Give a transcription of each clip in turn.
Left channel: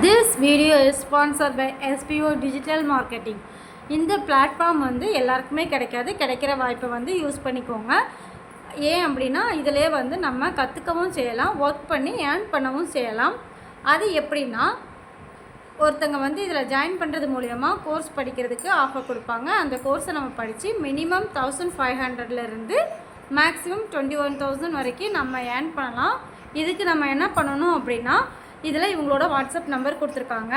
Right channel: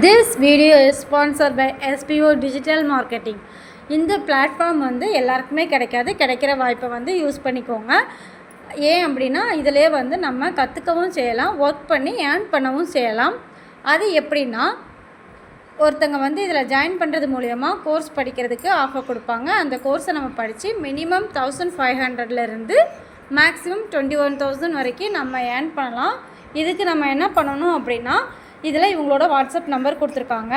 This video is sponsored by SPO Digital Marketing. இந்த platform வந்து எல்லாருக்குமே கிடைக்காது. கிடைக்கிற வாய்ப்பை வந்து யூஸ் பண்ணிக்கோங்க. ஏன் அப்படின்னா இதிலே வந்து நம்ம கற்றுக்கவும் செய்யலாம், ஒர்க் பண்ணி ஏர்ன் பண்ணவும் செய்யலாம். அது எப்படின்னா, ஒருத்தங்க வந்து இதில் ஜாயின் பண்ணுறது மூலயமா கோர்ஸ் படிக்கிறதுக்கு ஆஃபர் கொடுப்பாங்க. அந்த கோர்ஸை நம்ம படித்து மினிமம் 1500லேருந்து மேக்ஸிமம் 21,000 வரைக்கும் நம்ம ஏர்ன் பண்ணலாம். இதுக்கு நம்ம என்ன பண்ணணும் அப்படின்னா, இதில் இவங்களோட வாட்ஸ்அப் நம்பர் கொடுத்துருக்காங்க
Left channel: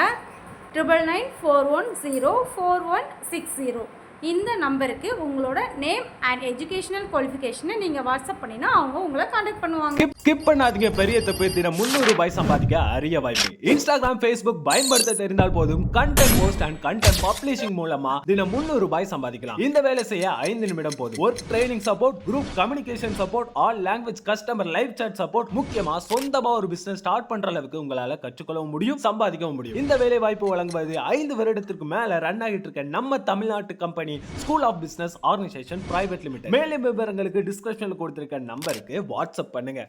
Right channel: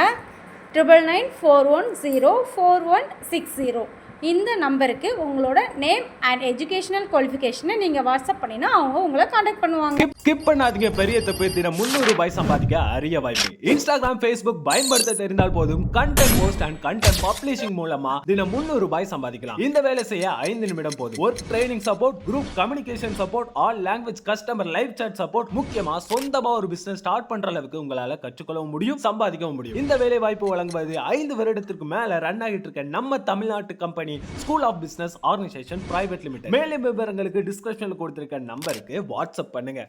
9994104160. இந்த நம்பருக்கு உங்களோட நேம் அண்ட் எஜுகேஷனல் குவாலிஃபிகேஷனை நீங்கள் வாட்ஸ்அப் பண்ணினா அவங்க உங்களை காண்டாக்ட் பண்ணுவாங்க. ஸ்கிப் பண்ணாதீங்க. பெரிய தப்பு. தினம் 300 ரூபாய் சம்பாதிக்க அரிய வாய்ப்பு. இன்ஸ்டாகிராம், ஃபேஸ்புக் பயன்படுத்த தெரிந்தால் போதும். Content post and content publishing மூலமா தினம் 300 ரூபாய் சம்பாதிக்கலாம். இந்த வேலை செய்ய 5 நிமிடம் போதும். Work training support, group communication support, all language customer live chat support, முக்கியமா சொந்தமா ஒரு பிசினஸ் ஸ்டார்ட் பண்ற அளவுக்கு உங்களால கற்றுக்கொள்ளவும் முடியும், சம்பாதிக்கவும் முடியும். இந்த வேலை வாய்ப்பு வழங்குவது 5 வருடத்திற்கு மேல ரன் ஆகிட்டு இருக்க நம்ம தமிழ்நாட்டு company school of business organisation private limited. மேலும் விவரங்களுக்கு டிஸ்கிரிப்ஷன்ல கொடுத்திருக்க நம்பருக்கு வாட்ஸ்அப் பண்ணுங்க.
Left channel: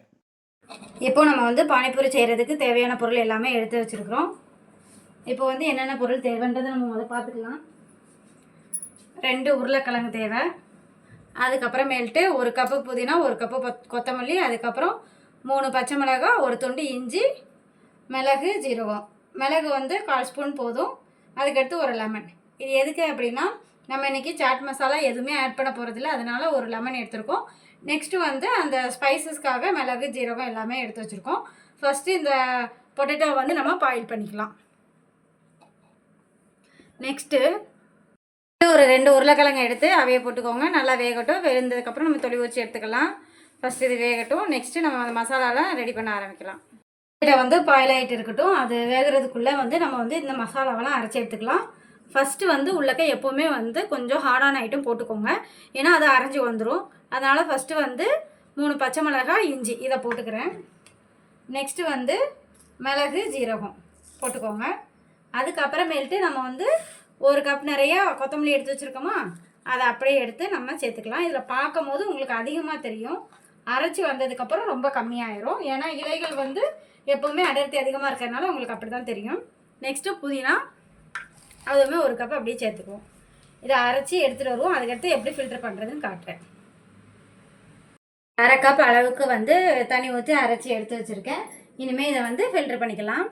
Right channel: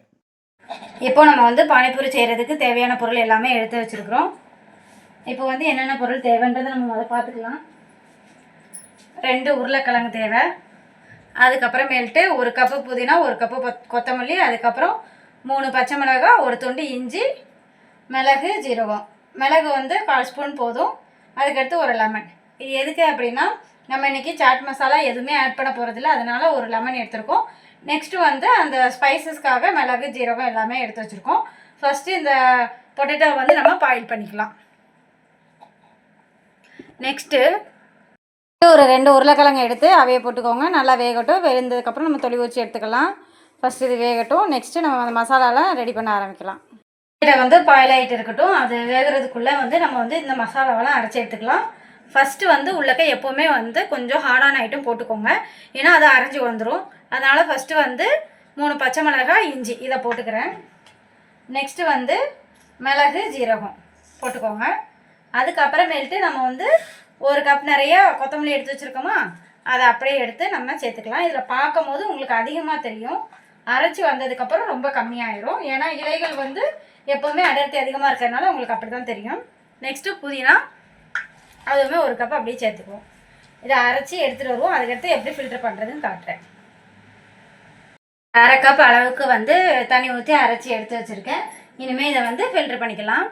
இப்போ நம்ம வந்து பானிபூரி செய்கிறதுக்கு தேவையான பொருள் எல்லாமே எடுத்து வச்சுருக்கிறோம். இப்போ வந்து என்னென்ன பொருள் தேவைன்றதை நம்ம முதல்ல பார்த்துக்கலாம். 2 உருளைக்கிழங்கு தேவை. அதுக்கப்புறமேல்ட்டு 1 கப்பு புதினா, 1 கப்பு கொத்தமல்லி, அதுக்கப்புறம் 3 பச்சை மிளகாய், 1 துண்டு இஞ்சி, மிளகு, ஜீரகம். மிளகு வந்து 1/4 ஸ்பூன் போதும். அதுக்கடுத்து 1 லெமன். இது எதுக்கு அப்படின்னா, நம்ம இன்றைக்கி சாட் மசாலா எதுவுமே ஆட் பண்ண போகிறதில்ல, அதனால் 1 லெமன் எடுத்துருக்கோம். நெக்ஸ்ட்டு வந்து அந்த ஸ்பைசஸ்க்காக மிளகு, ஜீரகம் எல்லாமே எடுத்து வச்சுருக்கோம். ஃபஸ்ட்டு இந்த பொட்டேட்டோ வந்து நம்ம பாயில் பண்ணிக்கலாம். நெக்ஸ்ட்டு ஒரு 2 உருளைக்கிழங்கு எடுத்து அவையை போட்டுக்கோங்க. நல்லா வேகட்டும். வெந்ததுக்கப்புறம் நம்ம தொளி ஊற்றி எடுத்துக்கலாம். ஃபஸ்ட்டு இது வேகட்டும். நெக்ஸ்ட்டு நம்ம அந்த மசாலாலாம் ரெடி பண்ண ஆரம்பிக்கலாம். பொட்டேட்டோ வந்து பாயில் ஆகிட்டு இருக்கட்டும். அது வேகிறதுக்குள்ளே வந்து நம்ம வந்து இந்த மசாலாவெல்லாம் அரைச்சி எடுத்துக்கலாம். ஃபஸ்ட்டு வந்து உள்ளக்க எப்போவுமே வந்து கொஞ்சம் ஹார்டான ஐட்டம் போட்டுக்கோங்க, ஏன்னா அது அரைஞ்சி வந்துடும். அதனால் ஃபஸ்ட்டு வந்து 3 பச்சை மிளகாய், இஞ்சி இதை போட்டுக்கிறேன். நெக்ஸ்ட்டு வந்து மிளகு, ஜீரகம் போட்டுக்கோங்க. அதுக்கப்புறமேல்ட்டு நம்ம வந்து 1 கப் நிறைய கொத்தமல்லி எடுத்து வச்சுருக்கோமா, அதை அப்படியே எடுத்து நம்ம சேர்த்துக்கலாம். இதில் பார்க்கும் போது உங்களுக்கு அதிகமாக தெரியும், அரைச்சி வந்ததுக்கப்புறம் ரொம்ப கம்மியாயிரும். ஏன்னா இலைகள் வந்து எப்போவுமே அடர்த்தி அதிகமாக இருக்கிறதுனால உங்களுக்கு அப்படி தான் தெரியும். நெக்ஸ்ட்டு புதினா, அதுவுமே 1 கப் அப்படியே சேர்த்துக்குவோம். இதை அரைச்சி எடுத்துகிட்டு வருவோம். அதுக்கடுத்து எப்படி ஃபில்டர் பண்ணுறதுன்னு காட்டுறேன். 1/2 கப் அளவுக்கு வந்து தண்ணி ஊற்றி அரைச்சி எடுத்து வச்சுருக்கேன். இனிமேல் இதை வந்து ஃபில்ட்ரு பண்ணிக்கலாம்.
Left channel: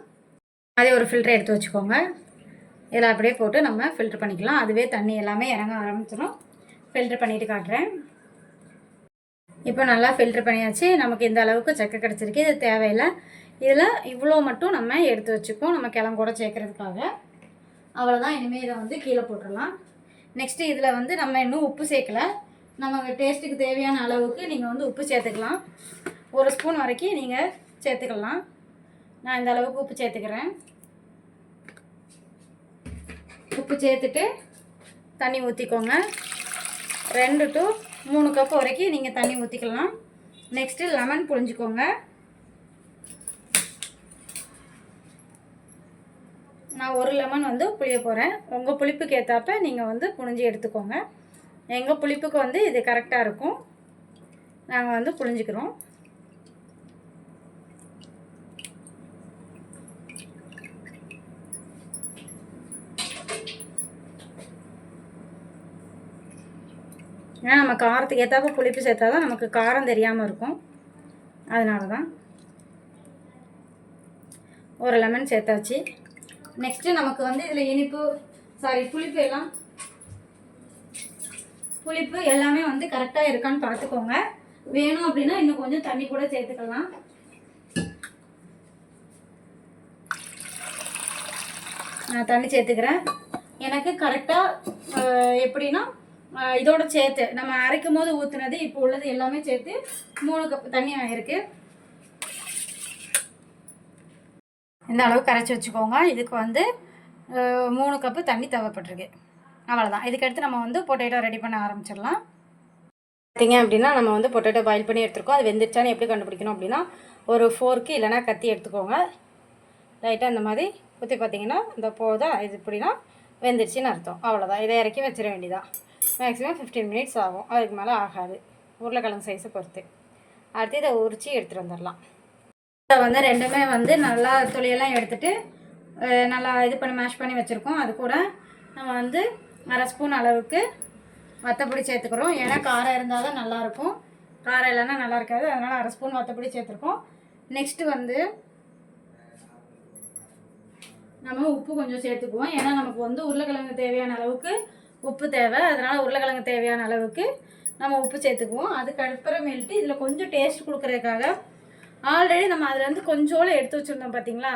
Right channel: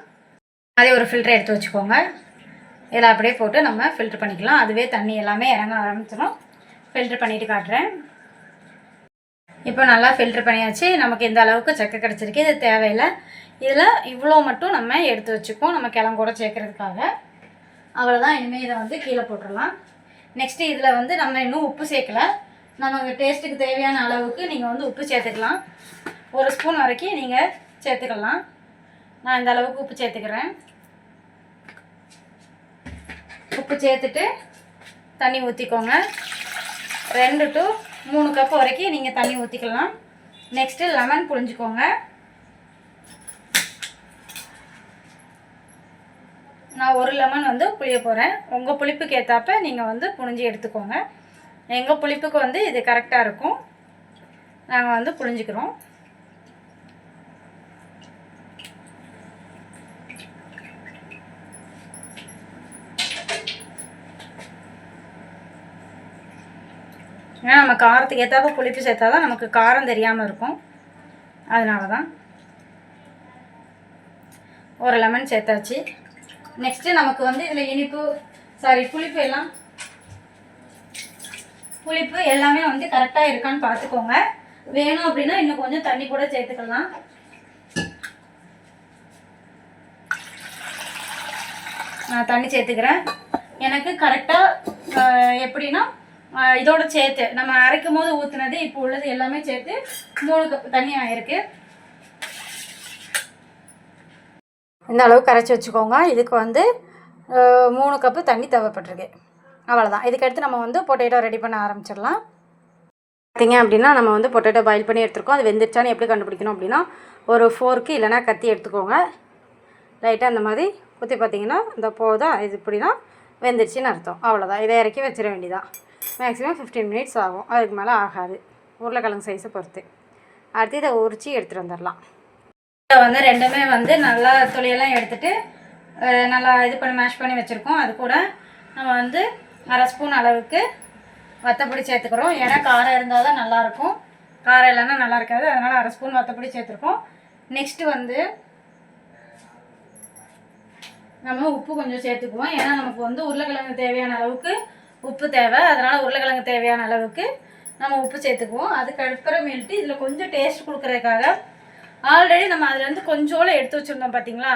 அதே ஒரு ஃபில்டர் எடுத்து வச்சுக்கோங்க. இதில் அப்படியே போட்டு நம்ம ஃபில்ட்ரு பண்ணிக்கலாம். அதுவே தண்ணி எல்லாமே இறங்க ஆரம்பிச்சிடும். ஃபில்ட்ரு பண்ணிவிட்டு காட்டுறேன். இப்போ நல்லா ஃபில்ட்ரு பண்ணியாச்சு. நமக்கு இந்த அளவுக்கு சக்கை கிடச்சிருக்கு. இது தேவையில்லை. இதில் இவ்வளோ மட்டும் நம்ம எடுத்து வச்சுப்போம், நம்ம கிழங்கூட சேர்க்குறதுக்காக. அவ்வளோதான். இனிமேல் இதை வந்து கீழே போட்டுடலாம். நெக்ஸ்ட்டு இதில் வந்து நம்ம இன்னும் உப்பு சேர்க்கலை. நமக்கு டேஸ்ட்டுக்கு தேவையான அளவுக்கு நீங்கள் வந்து உப்பு சேர்த்துக்கலாம். 1 ஸ்பூன் வரைக்கும் நீங்கள் சேர்த்துக்கலாம். நான் இந்த அளவுக்கு உப்பு சேர்த்துக்கிறேன். உப்பு சேர்த்துட்டு தண்ணி ஊற்றிக்கோங்க. 2 to 3 கப் வரைக்கும் நீங்கள் தண்ணி ஊற்றிக்கலாம். நெக்ஸ்ட்டு லெமன் புழிஞ்சிக்கோங்க. நான் 1 லெமன் வந்து புளிய போகிறேன். உங்கள் புளிப்புக்கு ஏற்றாப்ப நீங்கள் வந்து புழிஞ்சி எடுத்துக்கோங்க. எங்கள் புளிப்புக்கு வந்து இது கரெக்டாக இருக்கும். நாங்கள் வந்து புழிஞ்சிக்கிறோம். ஏன்னா நம்ம காரத்துக்கு ஏற்றாப்ப புளிப்பு சேர்த்தா தான் நமக்கு காரம் தெரியாமல் இருக்கும். அதனால தான் 1 லெமன் சேர்த்தாச்சு. நெக்ஸ்ட்டு நமக்கு வந்து இதில் புளிப்பு எல்லாமே வந்து கரெக்டாக இருக்கான்னு பார்த்துக்கோங்க. வேணும் அப்படின்னா இன்னும் கொஞ்சம் தண்ணி கூட சேர்த்துக்கலாம். நான் தண்ணி சேர்த்துக்கிறேன். எனக்கு கரெக்டாக எப்படின்னா இதோட சேர்த்து நம்ம அரைக்கும் போது ஊற்றுனது இப்போ உள்ளது எல்லாமே சேர்த்து 3 கப் தண்ணி ஆகிருக்கு. இந்த அளவுக்கு கரைச்சி வச்சுக்கோங்க. இதுக்கு வந்து 3 கப்பு தண்ணி தேவைப்பட்டிருக்கு. அவ்வளோதான். இதுக்கடுத்து நம்ம வந்து பொட்டேட்டோ ரெடி பண்ண ஆரம்பிச்சிடலாம். பார்த்திங்க அப்படின்னா நம்ம வந்து பொட்டேட்டோ பாயில் பண்ணி எடுத்துருக்கோம். அது வெந்துருச்சான்னு எப்படி கண்டுபிடிக்கணும் அப்படின்னா, ஒரு ஃபோர்க்கு இல்லைனா கத்தி எடுத்துக்கோங்க. லைட்டாக அந்த மாதிரி ஊற்றி பார்த்திங்கன்னா இந்த போதும். இது இப்படின்னா வெந்துருச்சின்னு அர்த்தம். அவ்வளோதான். இதை இறக்கி வச்சிட வேண்டியதான். மேக்ஸிமம் 15 மினிட்ஸ் ஆகும், அதுக்கு மேலே ஆகாது, உருளைக்கிழங்கு சைஸை பொறுத்து. அடுத்து இதை உரித்து எடுத்துகிட்டு வந்துடலாம். வந்து ரெண்டுமே வந்து நல்லா துளியெல்லாம் எடுத்துகிட்டு நல்லா இது பண்ணி மேஷ் பண்ணி வச்சுருக்கோம். அது கூட நம்ம வந்து 1/2 ஸ்பூன் அளவுக்கு வத்தப்பொடி சேர்த்துக்கிறோம். ஏன்னா காரம் இருந்தால் தான் நல்லாயிருக்கும், காரம் இல்லைன்னா நல்லா இருக்காது. அதனால் 1/2 ஸ்பூன் வத்தப்பொடி சேர்த்துருக்கோம். நெக்ஸ்ட்டு வந்து நம்ம உப்பு கொஞ்சம் சேர்த்துக்குவோம். ஏன்னா நமக்கு வந்து உருளைக்கிழங்கு தேவையான அளவுக்கு உப்பு தேவை. அதனால் உருளைக்கிழங்கு தேவையான அளவுக்கு நம்ம உப்பு சேர்த்துக்குவோம். அதுக்கப்புறமேல்ட்டு இதில் கொஞ்சம் டேஸ்ட் கொடுக்குறதுக்காக ஆல்ரெடி நம்ம அதுலேருந்து கொஞ்சோളം எடுத்து வச்சுருந்தோம் பார்த்தீங்களா,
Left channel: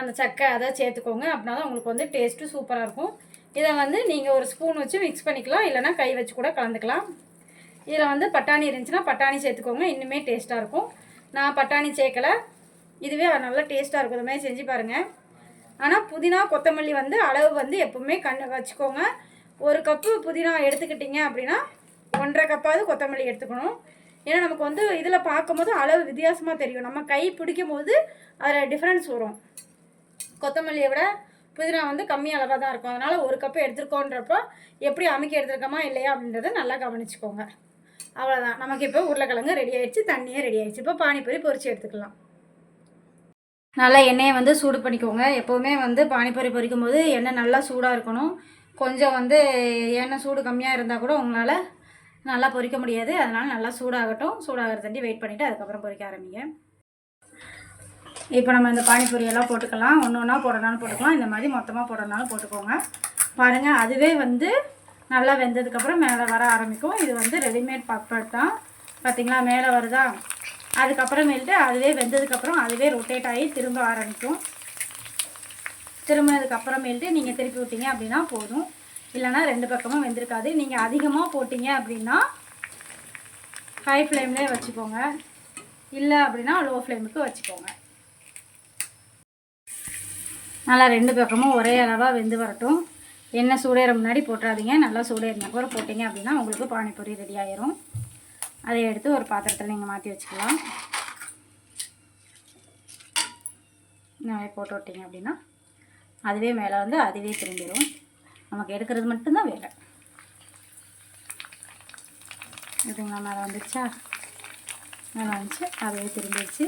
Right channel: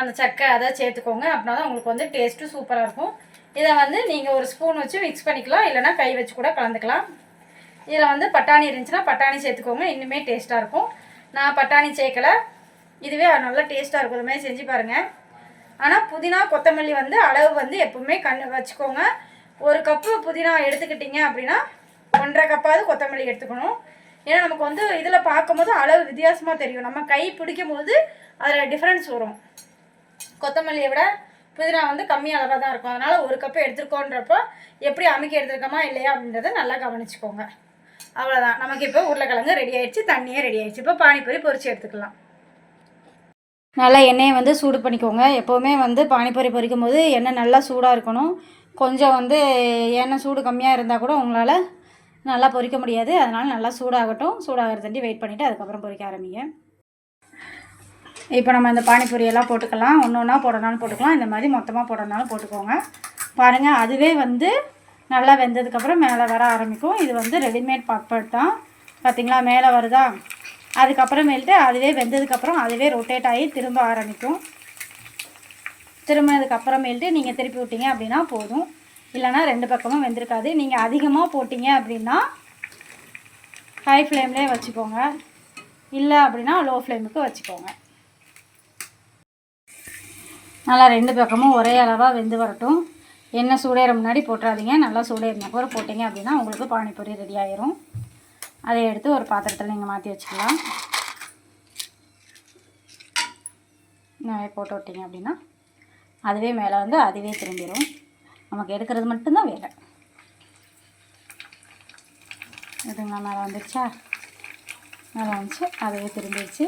அந்த சக்கை அதை சேர்த்துக்கோங்க. அப்படின்னா தான் உங்களுக்கு வந்து டேஸ்ட்டு சூப்பராக இருக்கும். இதை வந்து நீங்கள் ஒரு ஸ்பூன் வச்சு மிக்ஸ் பண்ணிக்கலாம், இல்லைனா கை வச்சு கூட கலந்துக்கலாம். இதில் வந்து பட்டாணி இருந்துச்சுன்னா பட்டாணி சேர்த்துக்கோங்க, இன்னுமே டேஸ்ட்டாக இருக்கும். நான் பட்டாணி சேர்க்கலை, இதுவே நல்லா டேஸ்ட்டாக இருக்கும். இதுமாதிரி செஞ்சு பாருங்கள். ஆனால் புதினா கொத்தமல்லி வந்து அளவு வந்து எப்பவுமே வச்சுக்கோங்க. 1 கப்பு புதினா எடுத்துக்கிட்டிங்க அப்படின்னா 1.5 கப்பாவது கொத்தமல்லி எடுத்துக்கணும். ஏன்னா நமக்கு வந்து இதில் பார்க்கும்போது அளவு வித்தியாசமாக தெரியும். நம்ம கை பிடிக்கும் போது அதில் டிஃப்ரென்ஸ் வரும். கொத்தமல்லியை விட புதினா வந்து கம்மி அளவாக தான் இருக்கும். அதனால் 1 கப்பு எடுத்துருக்கோன்றப்போ எப்படி அமுக்கி எடுத்துருக்கோமா இல்லையா அப்படின்றத நல்லா கவனிச்சுக்கோங்க. அவ்வளோதான். நமக்கு இப்போ உருளைக்கிழங்கு ரெடி ஆகிடுச்சு, தண்ணியே ரெடி ஆகிடுச்சு. இப்போ பானிபூரி பொரிச்சு எடுத்துக்கலாம். நல்லா எண்ணெயை வந்து சூடு பண்ணிக்கோங்க. எப்போவுமே வந்து பானிபூரி பொரிக்கும் போது எண்ணெய் நல்லா சூடாக இருக்கணும். கொஞ்சம் வந்து எண்ணெய் சூடு கம்மியாக இருந்தால் கூட உங்களால் நல்லா பொரிக்க முடியாது. அதனால் நல்லா சூடாகட்டும். சூடாகிறதாண்டி வெயிட் பண்ணிவிட்டு அதுக்கப்புறம் பொரிக்க ஆரம்பிங்க. இப்போ நம்ம இந்த பானிபூரியெல்லாம் போட்டுக்கலாம். ஒன்று ஒன்றா போடனாலும் போட்டுக்கலாம், இந்த மாதிரி மொத்தமாக போடனாலும் போட்டுக்கோங்க. பாருங்கள், அதுவே வந்து நல்லா வெந்ததுக்கப்புறம் மேலே வர ஆரம்பிக்கும். இது வந்து ரெடிமேட் பாப்கார்ன் தான், பார்த்திங்களா மேலே வருதா. அதுக்கப்புறமேல்ட்டு அதுவே வெந்ததுக்கப்புறம் அதுவே ரொட்டேட் ஆகி திரும்ப ஆரம்பிக்கும். திரும்பினதுக்கப்புறமேல்ட்டு நீங்கள் திருப்பி விட்டீங்க அப்படின்னா போதும். இல்லைனா 2 பக்கமும் வெந்திருக்காது. நீங்கள் அதிகமாக போட்டிங்க அப்படின்னா ஹை ஃப்ளேம்லேயே வச்சுக்கோங்க, இல்லை அப்படின்னா லோ ஃப்ளேமுக்கு வச்சுக்கோங்க. நல்லா 2 பக்கமும் ஒரே அளவாக வெந்து வரட்டும். எண்ணெய் சூடேற முன்னாடி போட்டுறாதீங்க. நல்லா சூடேறின அப்புறம் போட்டிங்க அப்படின்னா உங்களுக்கு பானிபூரி ரெடி ஆயிரும். அதை எடுத்து ஒரு பாத்திரத்தில் நீங்கள் மாற்றி வச்சுக்கலாம். நிறைய போட்டு விட்டிங்க அப்படின்னா அதுவே மேலே வந்து அதுவே திரும்பிடும். நமக்கு எடுக்கிறது மட்டும்தான் வேலை. இதுங்களா மேலே வந்துடுச்சா, மேலே வந்துச்சு, அதுவே திரும்பிடுச்சு.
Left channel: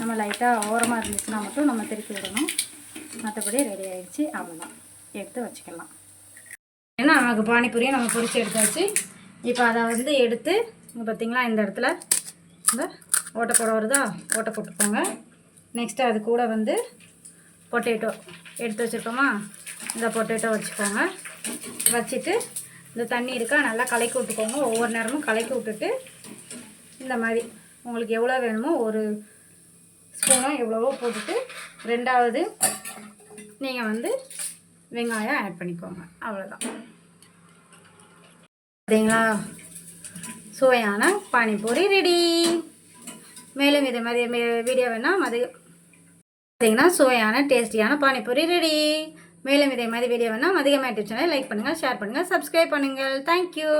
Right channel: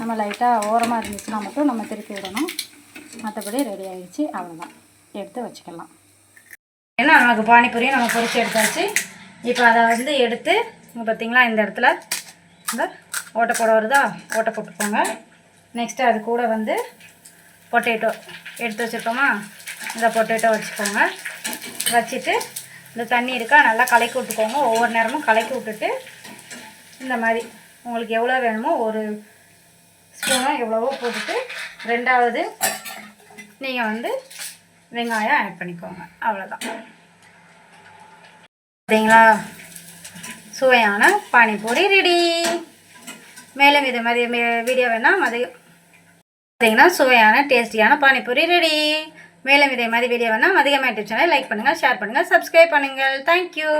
நம்ம லைட்டாக ஓரமாக இருந்துச்சுன்னா மட்டும் நம்ம திருப்பி விடணும். மற்றபடி ரெடி ஆகிடுச்சு. அவ்வளோதான், எடுத்து வச்சுக்கலாம். ஏன்னா நமக்கு பானிபூரியை நம்ம பொரிச்சு எடுத்தாச்சு. இப்போ அதை வந்து எடுத்து பார்த்திங்களா இந்த இடத்துல இந்த ஓட்டை போட வருதா, ஓட்டை போட்டுக்கோங்க. நெக்ஸ்ட்டு அது கூட வந்து பொட்டேட்டோ எடுத்து வச்சுருக்கோமா, இந்த பொட்டேட்டோ வச்சுக்கோங்க. வச்சுட்டு இந்த தண்ணி இருக்கா நல்லா கலக்கி விட்டுக்கோங்க. ஒவ்வொரு நேரமும் கலக்கி விட்டுட்டு இந்த மாதிரி உங்களுக்கு எவ்வளோ வேணுமோ 1 ஸ்பூனோ எவ்வளவோ போட்டுட்டு 2வது நீங்கள் வந்து வெங்காயம் ஆட் பண்ணிக்கோங்க. அவ்வளோதான். பார்த்தீங்களா, சுவையான பானிபூரி ரெடி. மேலும் இது மாதிரி வீடியோ வேணால் பார்த்தீங்கன்னா சுவையான டேஸ்டியான பானிபூரி ரெடி. மேலும் இதே மாதிரி வீடியோ வேணால் மதிகமா யூடியூப் சேனல் லைக் பண்ணுங்கள், ஷேர் பண்ணுங்கள், சப்ஸ்கிரைப் பண்ணுங்கள். தேங்க்யூ.